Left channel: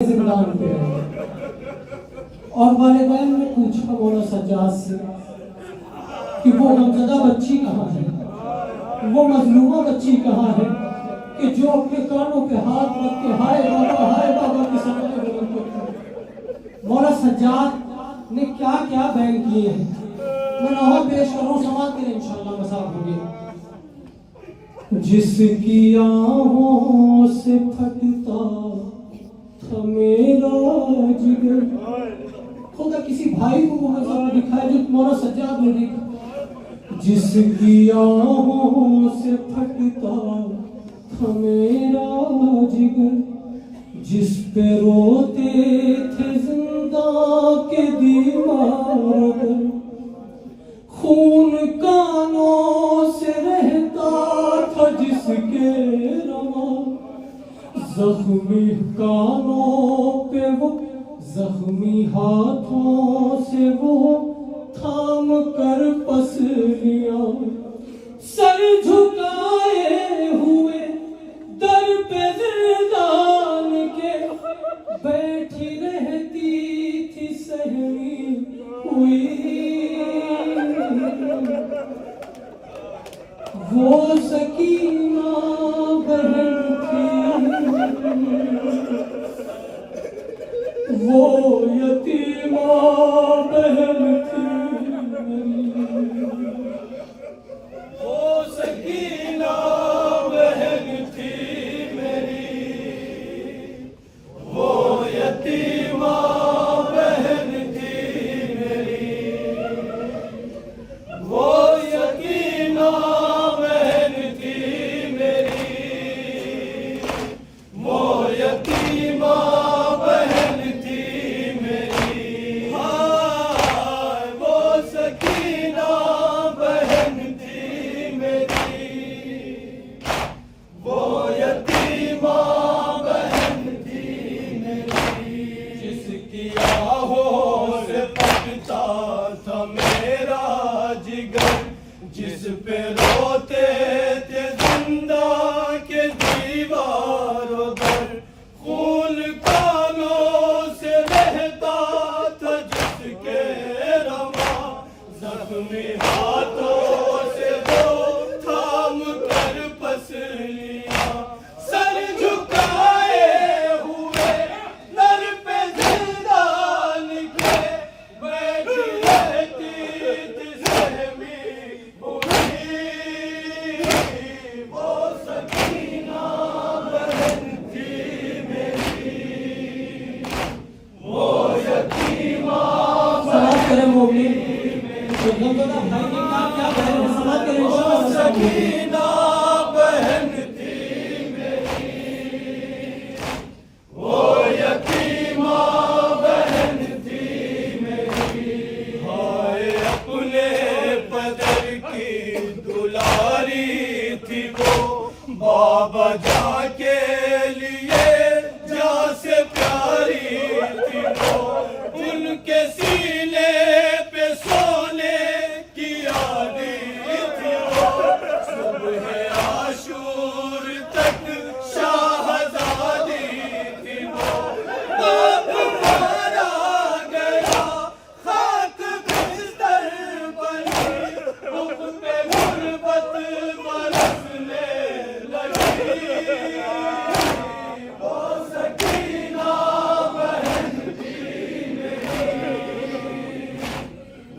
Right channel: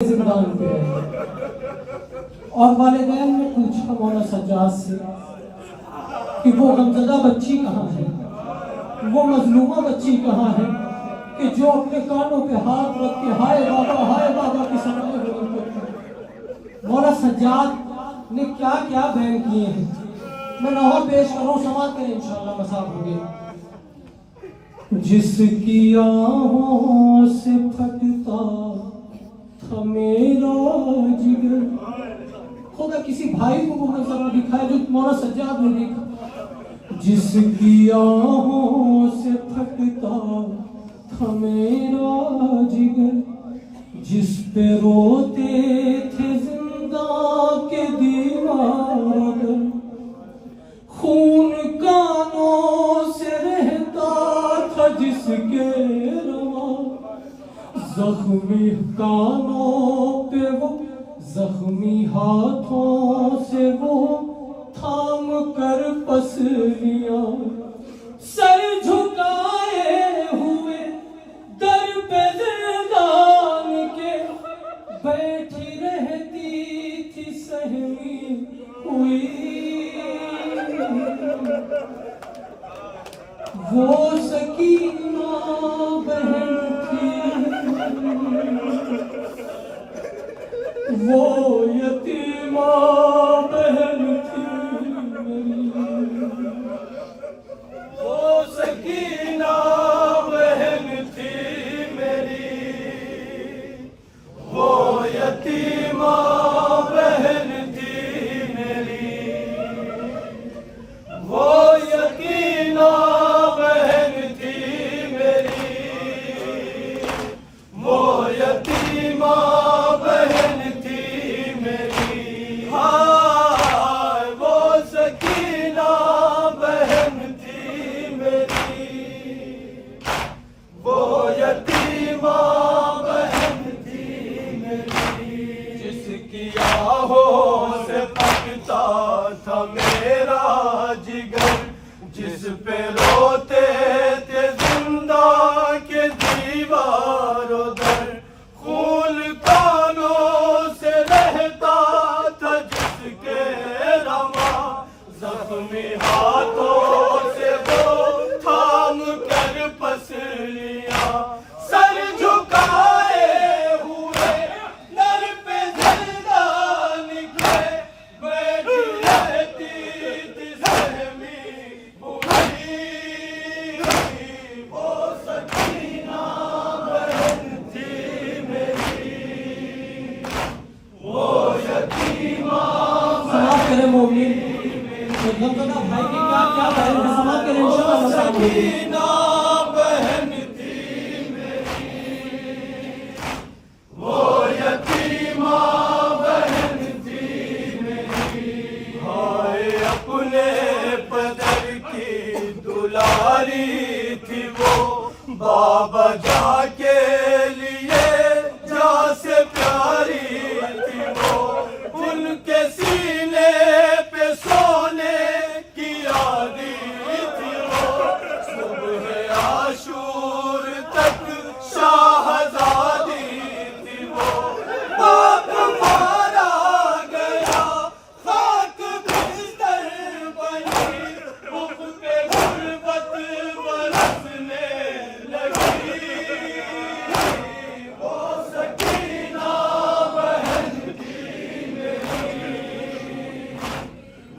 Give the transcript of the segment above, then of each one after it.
زندان پہ رہے اور والدین نے پوچھا مولانا سجاد سے کہ وہ غمزدہ بچی کہاں ہے، وہ مظلومہ بچی کہاں ہے کہ جو اپنے کانوں پہ ہاتھ رکھ کے ہائے بابا کی سمجھے ہوئے کرتے ہیں۔ مولانا سجاد نے کیا کیا بیان کیے ہیں، میں لاہور پیش کروں، سماعت کریں انشاءاللہ مساف ہوگی۔ جس کی آہوں سے پھٹتا تھا میرا جگر، خدا کسی بھائی کو وہ منظر دکھائے جو مولانا سجاد نے دیکھا۔ جس کی آہوں سے پھٹتا تھا میرا جگر، جس پہ روتے تھے زندہ کے دیوار در، خون کانوں سے رہتا تھا جس کے رواں، زخمی کانوں پہ وہ زخمی ہاتھوں سے وہ تھام کر پسلیاں، سر جھکائے ہوئے در پہ زندان کے بیٹھی رہتی تھی سہمی ہوئی۔ وہ سکینہ بہن تھی، وہ یتیمہ بہن تھی میری، وہ سکینہ بہن تھی میری، وہ یتیمہ بہن تھی میری، وہ یتیمہ بہن تھی میری، وہ یتیمہ بہن تھی میری، ہائے وہ سکینہ بہن تھی میری، وہ یتیمہ بہن تھی میری، جس کی آہوں سے پھٹتا تھا میرا جگر، جس پہ روتے تھے زندہ کے دیوار در، خون کانوں سے رہتا تھا جس کے رواں، زخمی ہاتھوں سے وہ تھام کر پسلیاں، سر جھکائے ہوئے در پہ زندان کے بیٹھی رہتی تھی سہمی ہوئی۔ وہ سکینہ بہن تھی میری، وہ یتیمہ سلام کریں مومن، غمزدہ بھائی کے کیا کیا بیان ہے، سماعت کریں انشاءاللہ۔ سکینہ بہن تھی میری، وہ یتیمہ بہن تھی میری، ہائے اپنے بدر کی دلاری تھی وہ، بابا جا کے لیے جا سے پیاری تھی وہ، ان کے سینے پہ سونے کی یادی تھی وہ، صبح عاشور تک شاہزادی تھی وہ، باپ مارا گیا خاک بستر بنی، رخ پہ غربت برسنے لگی۔ وہ سکینہ بہن تھی میری،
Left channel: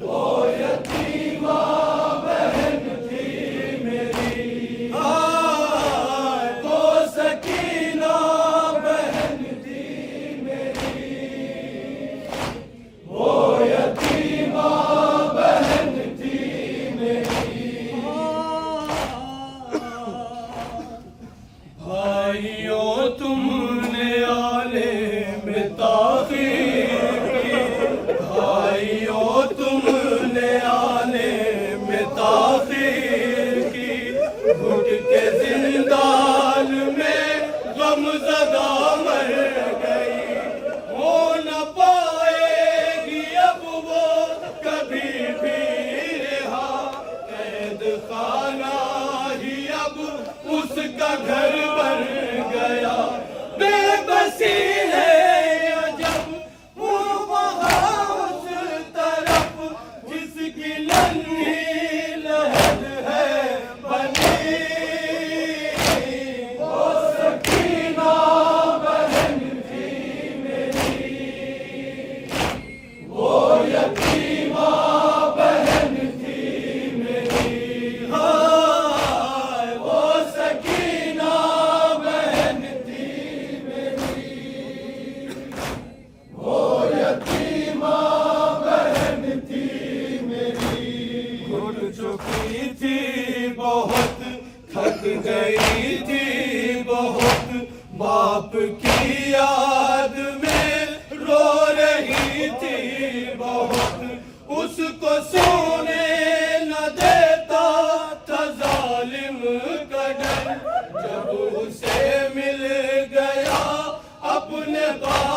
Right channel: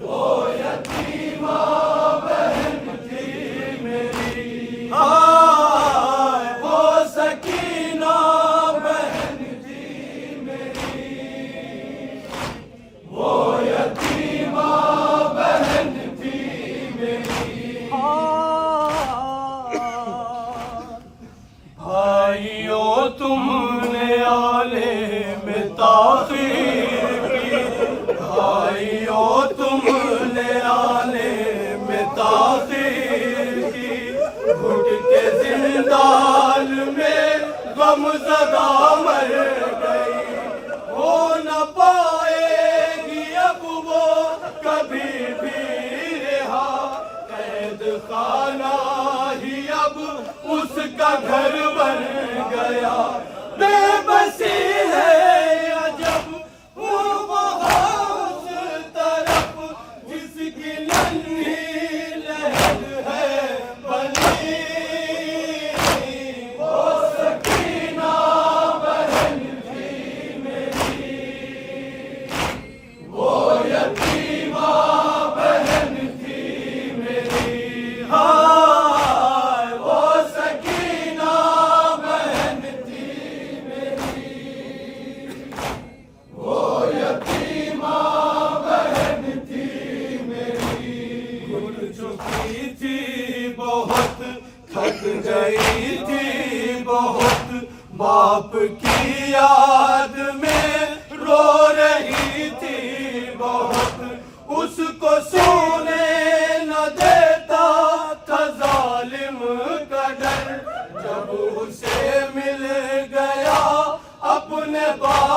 وہ یتیمہ بہن تھی میری، ہائے وہ سکینہ بہن تھی میری، وہ یتیمہ بہن تھی میری۔ بھائیو تم نے عالم تاخیر کی، بھائیو تم نے عالم تاخیر کی، گھٹ کے زندان میں غمزدہ مر گئی، ہو نہ پائے گی اب وہ کبھی بھی رہا، قید خانہ ہی اب اس کا گھر بن گیا، بے بسی ہے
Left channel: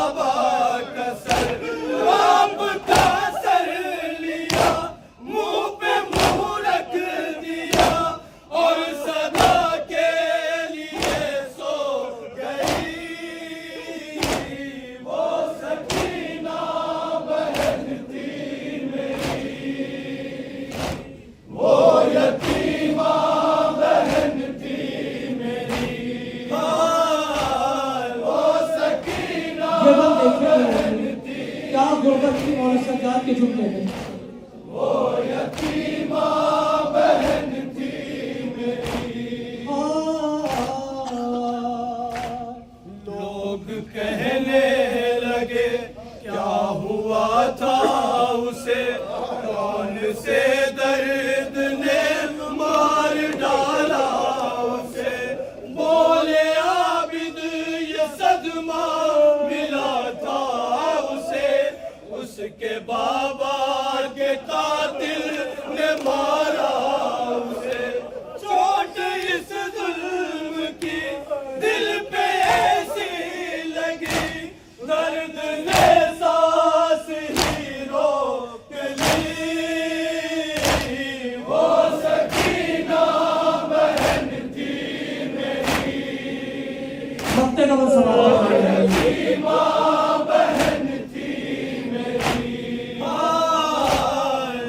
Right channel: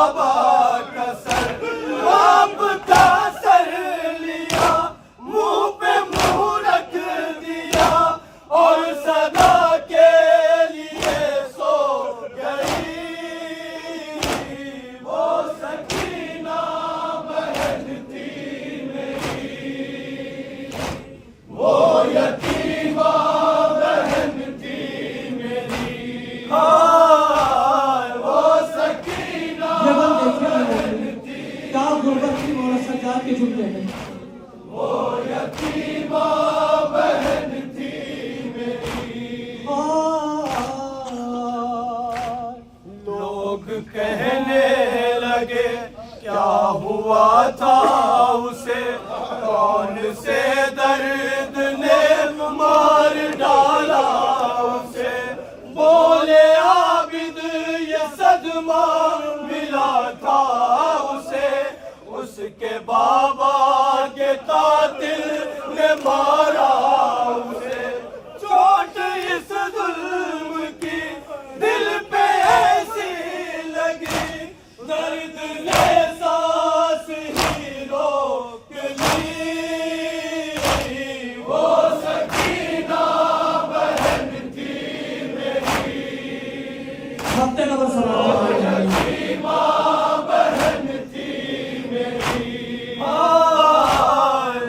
بابا کا سر باپ کا سر لیا منہ پہ منہ رکھ دیا اور صدا کے لیے سو گئی وہ سکینہ بہن تھی میری وہ یتیمہ بہن تھی میری وہ سکینہ بہن تھی کیا غربت کی مولا سرکار کے جملے ہیں وہ یتیمہ بہن تھی میری لوگ کہنے لگے کیا ہوا تھا اسے کون سے درد نے مار ڈالا اسے بولے عابد یہ صدمہ ملا تھا اسے اس کے بابا کے قاتل نے مارا اسے چوٹ اس ظلم کی دل پہ ایسی لگی درد نے سانس ہی روک لی وہ سکینہ بہن تھی میری وقت نبو صلی اللہ علیہ وسلم یتیمہ بہن تھی میری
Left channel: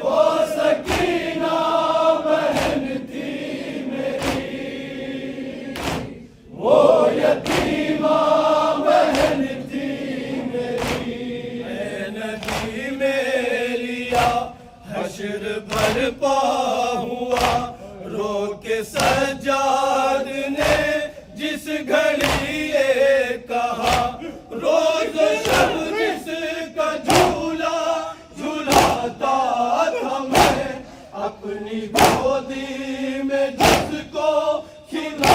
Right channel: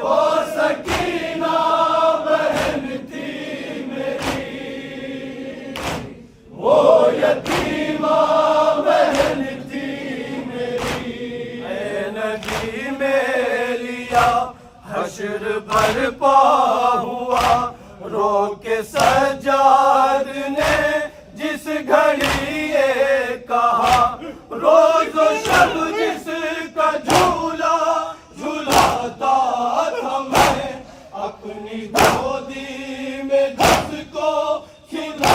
وہ سکینہ بہن تھی میری وہ یتیمہ بہن تھی میری اے نبی میریا حشر برپا ہوا رو کے سجاد نے جس گھڑی یہ کہا روز و شب جس کا جھولا جھولاتا تھا میں اپنی گودی میں جس کو کھلا